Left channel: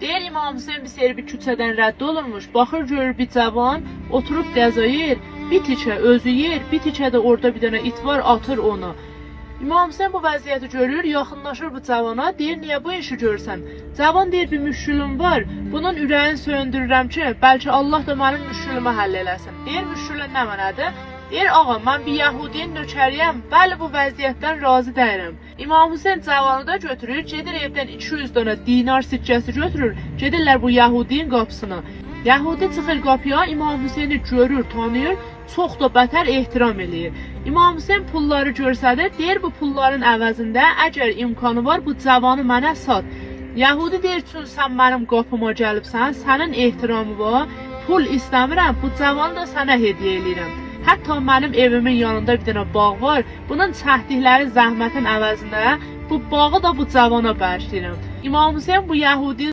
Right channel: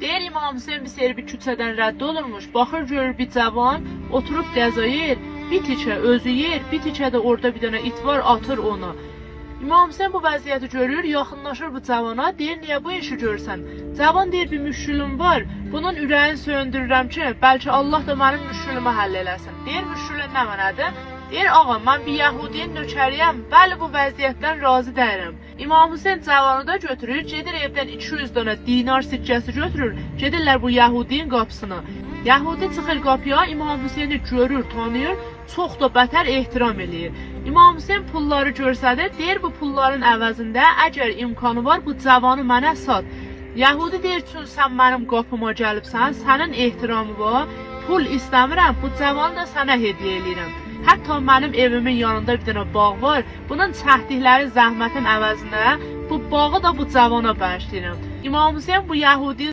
Deyir İmam Hüseyin bir seri bir küçədən rədd olurmuş. Baxır görür bir cavan oturub qəza yer, bir tikə özü yer, bir tikə də orada bir dənə it var, atır onu. İmam Hüseyin bu vəziyyəti görür, yaxınlaşır bu cavana, deyir niyə bu işi görsən? Cavan deyir bir müşkülüm var, bunun ürəyini söndürürəm ki, bəlkə Allah da mənim müşkülümü həll eləsin. Deyir müşkülün nə mənədir? Deyir ağa mən bir Yahudiyin nökəriyəm, bəli bu vəziyyətdən razı deyirəm. İmam Hüseyin cavanı da götürür, gedir evdən 200 dənə dinar siccəsi götürür, gedirlər bu Yahudiyin qapısına. Yahudi çıxır qapıya, İmam Hüseyini görür, tanıyır, çox da bətər ehtiram eləyir. İmam Hüseyin pulları görsədir, deyir bu pulların əvəzində əgər imkanı var bu cavanı mənə sat. Yahudi deyir çünki sən mənim qapıma gəlibsən, sənin ehtiramı var, pul istəmirəm, bu cavanı da sənə hediyə eləyirəm. Hətta mənim evimin yanında bir dənə bağ var, bunun çəkdikləri zəhmətin əvəzinə bu bağı da bu cavana bağışlayıram. İmam Hüseyin bu Yahudi